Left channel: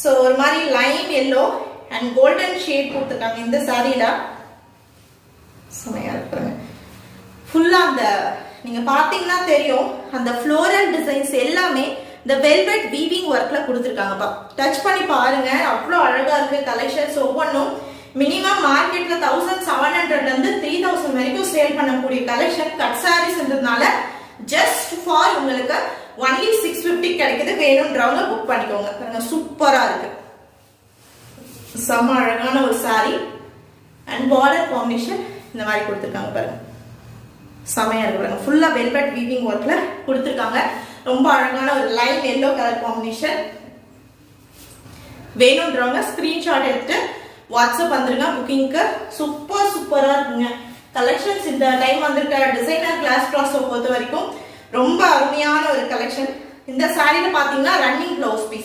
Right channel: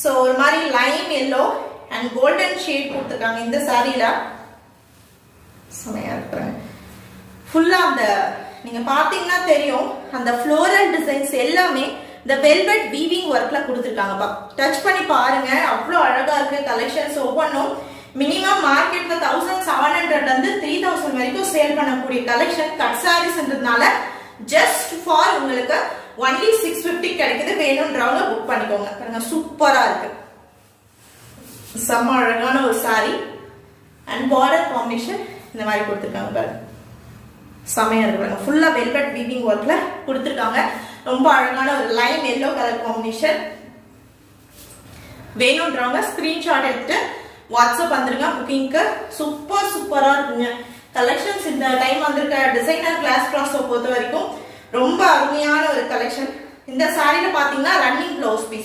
So ஒரு மாதிரி Lime yellow and golden shade கொடுத்துருக்காங்க இந்த சாரீல. செமையா இருக்கிறாங்க. ஃபுல்லா அந்த நீங்க பாத்தீங்கன்னா தெரியும் அந்த ஃப்ளோரல் டிசைன்ஸ் எல்லாமே இந்த வெல்வெட் வீவிங் ஒர்க்ல கொடுத்துருக்காங்கப்பா. டச் பண்ணி பாருங்க, அவ்வளோ அழகா இருக்கு கலெக்ஷன்ஸ். ஒவ்வொன்றும் மினிமம் மார்க்கெட்ல 1700 இருந்து 3000 வரைக்கும் சேல் பண்ணக்கூடிய கலெக்ஷன். கட் சாரீஸ்ன்றதுனால ஜஸ்ட் ஃபார் உங்களுக்கு ஒன்லி 650 கிடைக்குது. வேணும்ன்றவங்க புக் பண்ணிக்கோங்க. பாருங்க சூப்பரா இருக்கு, செம்ம அழகான ஒரு சாரி அண்ட் பார்டர் காம்பினேஷன் இந்த மாதிரி கொடுத்துருக்காங்க. பாருங்க செமையா இருக்கு. ஃபுல்லா வெல்வெட் வீவிங் ஒர்க்ல கொடுத்துருக்காங்க. ரொம்ப அழகான ஒரு லைன் எல்லோ கலர் காம்பினேஷன். வேணும்ன்றவங்க ஸ்கிரீன்ஷாட் எடுத்து வாட்ஸ்அப் வந்துருங்க புக்கிங்க்கு. சூப்பரா இருக்குங்க கலெக்ஷன்ஸ். இந்த டைம் வந்திருக்க டிசைனர் கிளாஸ் ட்ராஸை பொறுத்த வரைக்கும் ரொம்ப அருமையான ஒரு கலெக்ஷன். இந்த சாரியில பாத்தீங்கன்னா ரன்னிங் ப்ளவுஸ் பீஸ்